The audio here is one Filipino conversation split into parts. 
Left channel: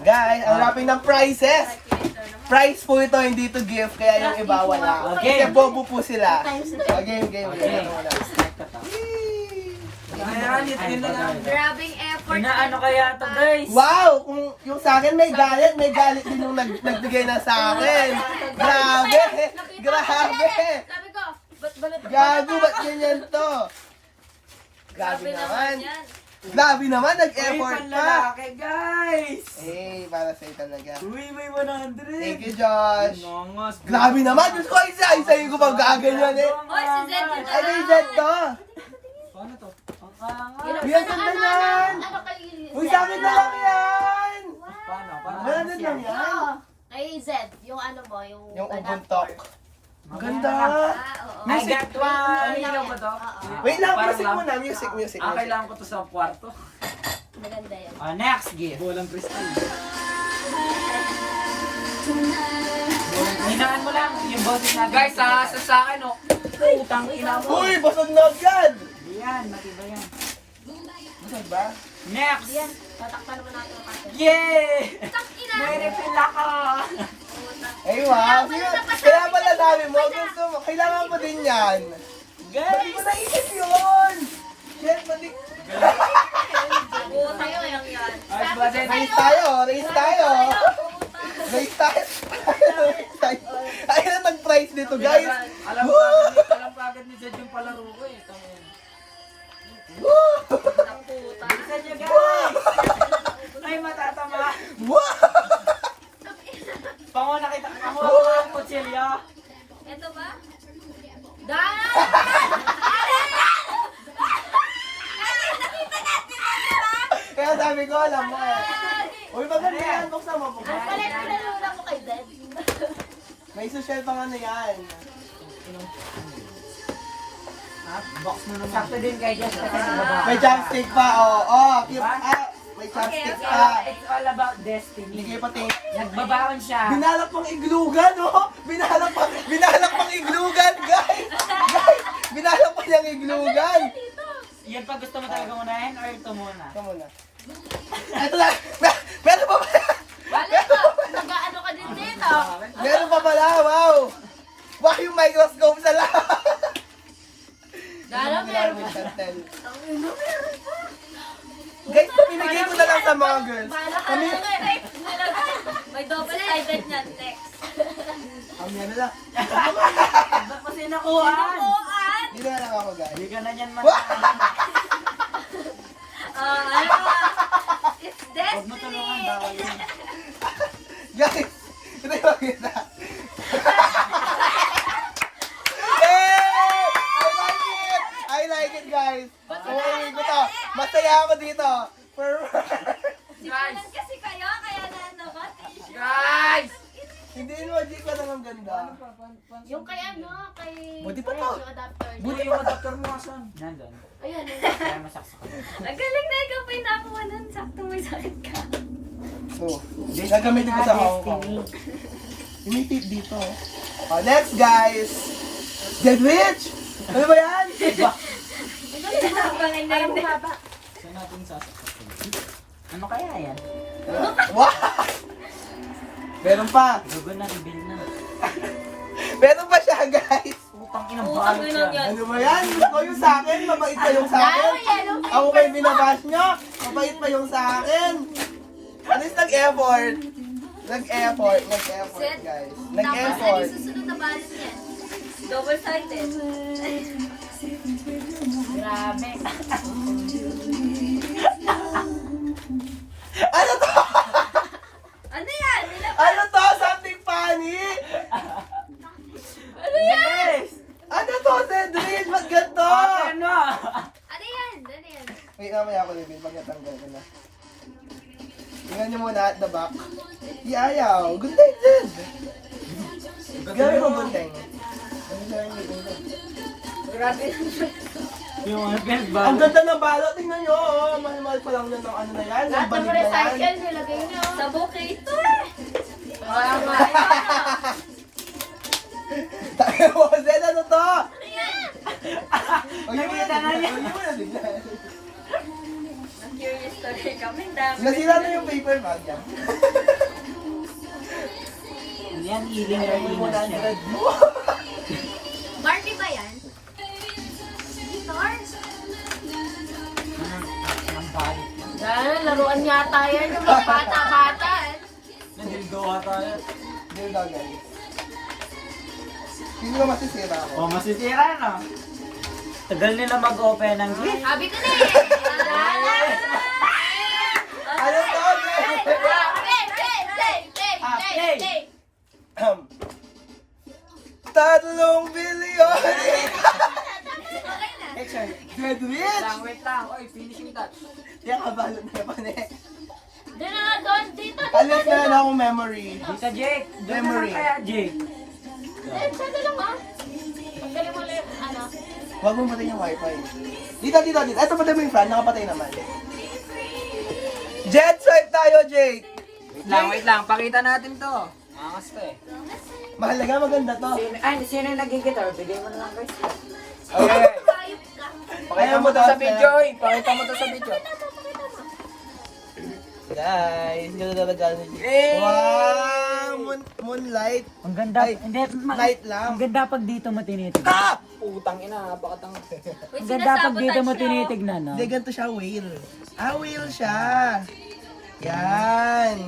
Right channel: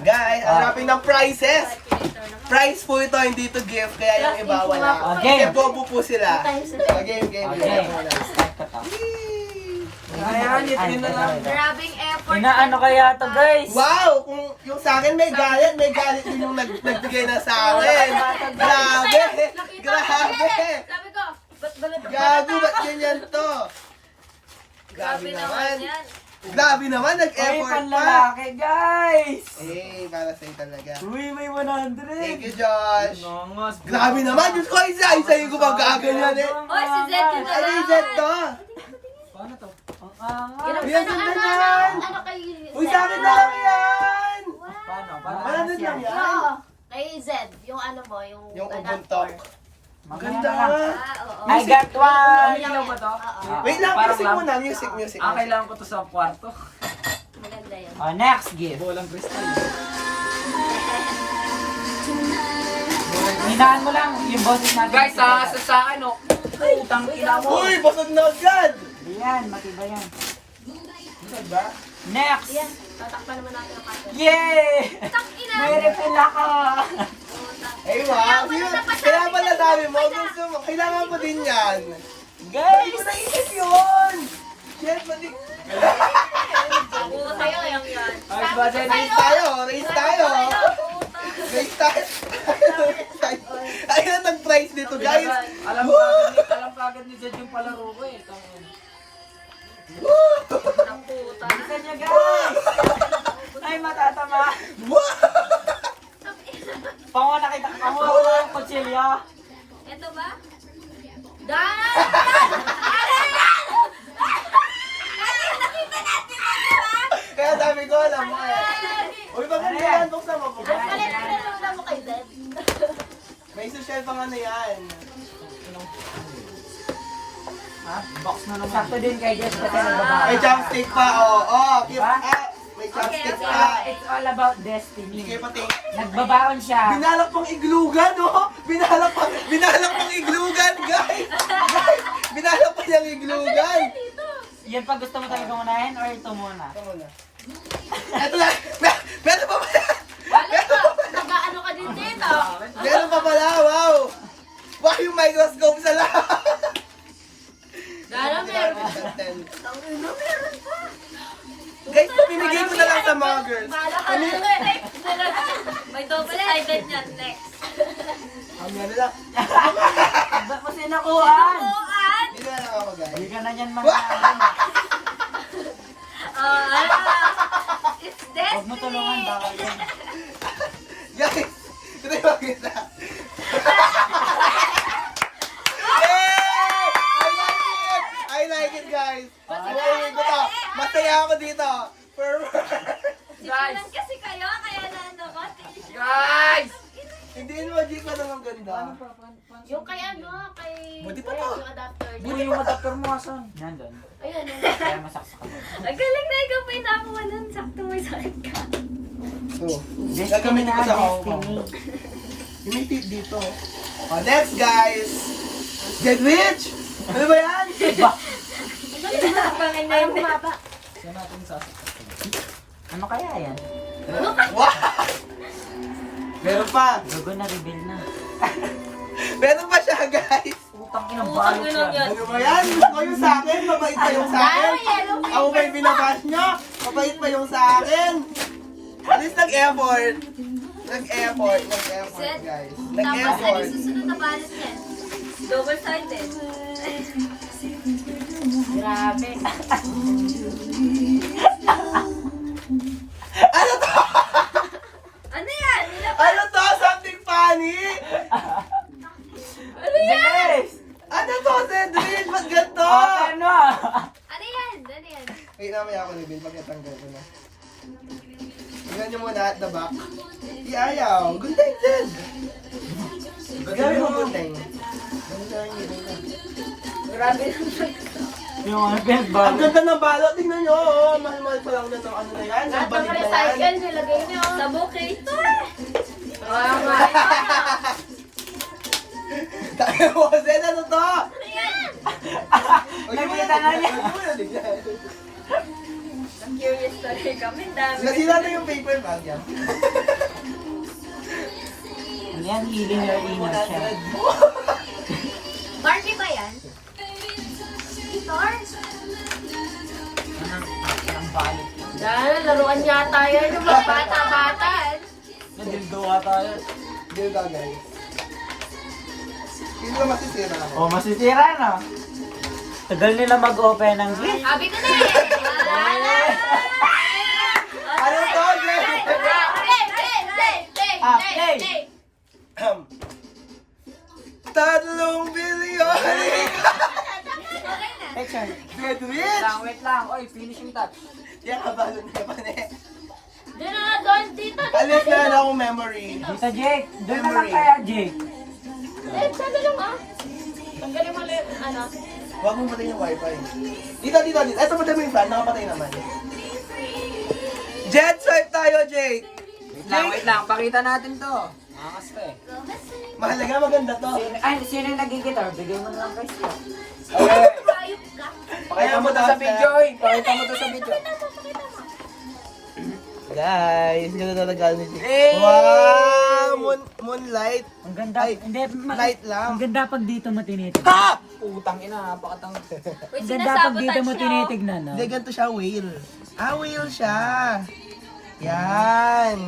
Guys, hanapin ng prizes. Prize po ito, hindi to gift, kaya yung iba wala. Okay. Kasi bobo po sila. Game. Okay. Ayan, yun na lang. Grabing effort. Inaano kaya to guys? Wow! Kung yung sa akin may galit din yung nagbigay na sa akin. Grabe! Grabe! Sabi ko, ba't Gago, ba't ganyan to? Grabe naman yan. Grabe naman, Ay, nag-effort pa. panlalaki guys! Eh, para sa'yo talaga. Uy, may 100! Thank you, Josh. Nongas. Grabe naman, Diyos ko, isa-isa ko pa gaganyan eh. Oy, si Zed yun na Ano yung set to? Paano to? Yan, saan na yan? Ano kay Uy, sa akin na lang yan! Paano? Paano? Wala na lang yan. Oo. Kay Zed, yung ano mo, yung Yung adapter. ubuntok. Ganda. Oo. I got one! Ilaw mo to? Oo. Wait lang, Parang music lang. muna, music. Kailangan ko to sa kwarto. Maganda yan. Oh, next gift. Bolang kristal. Hinaan mo lang yung boses natin. Guys, sa akin, oh. Utang ina mo. Uy, basag na agad! Yan, matibay yan. Basag ba? Next! Yan, tatakpan naman natin ang kaso. Yay! Takina! May refill ako! Ay, wow. Kaya pala sabi mo, gusto mo, kailangan mo din yan. Hindi Guys! ko naisip yun! Shit, pati... Oo, sa'yo yung yan. Ay, budget. Race tayo! Race tayo! Race tayo! Ayun ang nag-price dito, guys! Alam ka agad ni Jed yung palaro ko eh. Tangin. Ang puta. Bilisan nyo guys! Ay, matatama! Wow! Pango nakita, pango ang kutsilyo. Ito ba? Dana! Ano yan? Nakita natin mo, di ba? Kaya sabi ko, alam mo eh. Uy, babalik yan, buksan mo, Ano buksan pala mo. yung pinanuna mo kay Zed? May social pang ano yan. Box na naman. Sakto din kay Jess kasi nagbaba. May chopstick pa, oo. May chopstick Okay. pa. It's all about destiny. Sige pati. Nagbabaon siya. Binalak pang iglugan, oh! Binalak pang iglugan, guys! Guys! Binalak pa niyang iglugan! Yan pa gusto mo tayo gumanahin or ito muna? Ito muna. Ito lang! Meron pa pala! Wala ka. Nag-ano ka din dito. Meron pa pala, wow! Wow, yung microscope sa lahat! Dana, meron pa. Meron pa! Guys, pinigay ko na lang sa mga girls. Bala ka na next. May double-sided niyan. Next. Ang meron lang. Ba't mo sinakuhaan? Nakuhaan! Dito na lang ako, guys. Hindi ka na yan Ano? It's Huwag mo tulungan, destiny. bawal yun. Guys, ito yung makita. I like it, guys. Uwi ko to. Masaya ako dito. Simulan kasi kayo, kaya na naman. Guys! Hindi mo, di ko lang ang ganda. Yung kay ano, kay... Buti pa to. Yung adapter niya. Buti yung adapter mo asan? Nandun. Ayun, yun. Kaya masaksak ka. Ang galing na ikaw pa yung nakuha nun. Sakto may sakit ka. So, gagamitin ko sa Hong Kong. Yung may tip dito. Oh, next, guys. Jedwich! Ano ba yan? Pangin na yung bumaba. Saan natin sasaksak? Ano kaya yan? Wow! Meron pa. Dugo na, reveal na. Meron pa siya, guys. Utang inang Utang balot inang yan. yan. Ano ba yan? Gusto ko yung sa akin. Mabait pa yung sa akin. Ako pa yung binabash nyo. Mabait pa yung sa akin. At least nag-effort. Nag-effort, guys. Tapos, ano Nag-effort. yung susunod na balot niya? Double-sided. Grabe. Ano to? Ano yan? Ano to? Something funny? Ano yan? Ano to, Cedric? Ba't ganito? Ano? Ano yan? Ano yan? Wait, namaya ako ni Bill. Pagkatanggal ko na. Tingnan niyo muna at the back. Di ayaw. Gundeng, Zed. Gawin mo gundeng. Grabe. Yung mga pinagbago. Ang ganda ng balot. Tingnan nyo. Oh. Mahal-mahal pa lang yun ng ano na yan. Lahat Ng ng banig na yan. recycle nilagay niyo. Sa bouquet ito eh. Kaya nga ito na. Tayo mo, Zed. Ano to? Ano yan? Huwag niyo muna tignan. Huwag niyo muna tignan. Curious story kami. Dami. Nasira na yung paper ba? tawag yan. Ano yan? Healing your inner child. Barbie ba yan? Guitar? Anong balik? Dahil laruan yata yan yung mga bata-bata. Nandildo ata yan. Hindi daw guys. Hindi ko masisira ako. Oh, masisira no? Tagal nila mag-open ng gift. Sabi ko na eh. Ano to, guys? Tatlong bilyon! Picture. Graduate! Wait lang. Oy, finishing touch. Yan ka ba? Doon na doon, dito. Alit na lang akong memory. Dito, Jake. Doon na lang Memory. kaya, Jake. Sabi lang ah. Ang galing mo lang, ano. Huwag mong patay yung wifi. Dito. Ito patay mo yung fan, nakapatay naman. Jet swipe tayo, Jake! Wait lang. Pakita natin to. Angas ka eh. Mahalaga, maganda to. Ay, sino yung nag-guitar? Bigyan mo na lang guys. Okay. Ayop ka. Pakaya mo daw sa video eh. Pakita mo to sa video. Guys, ganda talaga ni Jake. Eh! Wow! Moonlight. Ang ganda. Ay, Hindi, light lang. ang ganda pag dito mo tinitignan. Ha! Putang ina. Napakatang. Ang ganda pag dito mo tinitignan. Hindi, ganito siya, whale. Ah, whale siya. Yan.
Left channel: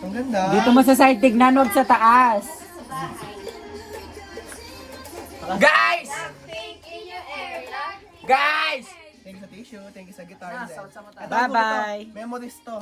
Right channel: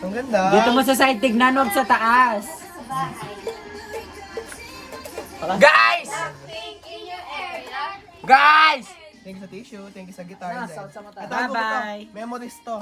Ang ganda. Dito mo sa side tignan, huwag sa taas. Guys! Pink in your area. Guys! Thank you sa tissue, thank you sa guitar. Nasa sa mata. Ito, Bye-bye. Memories to.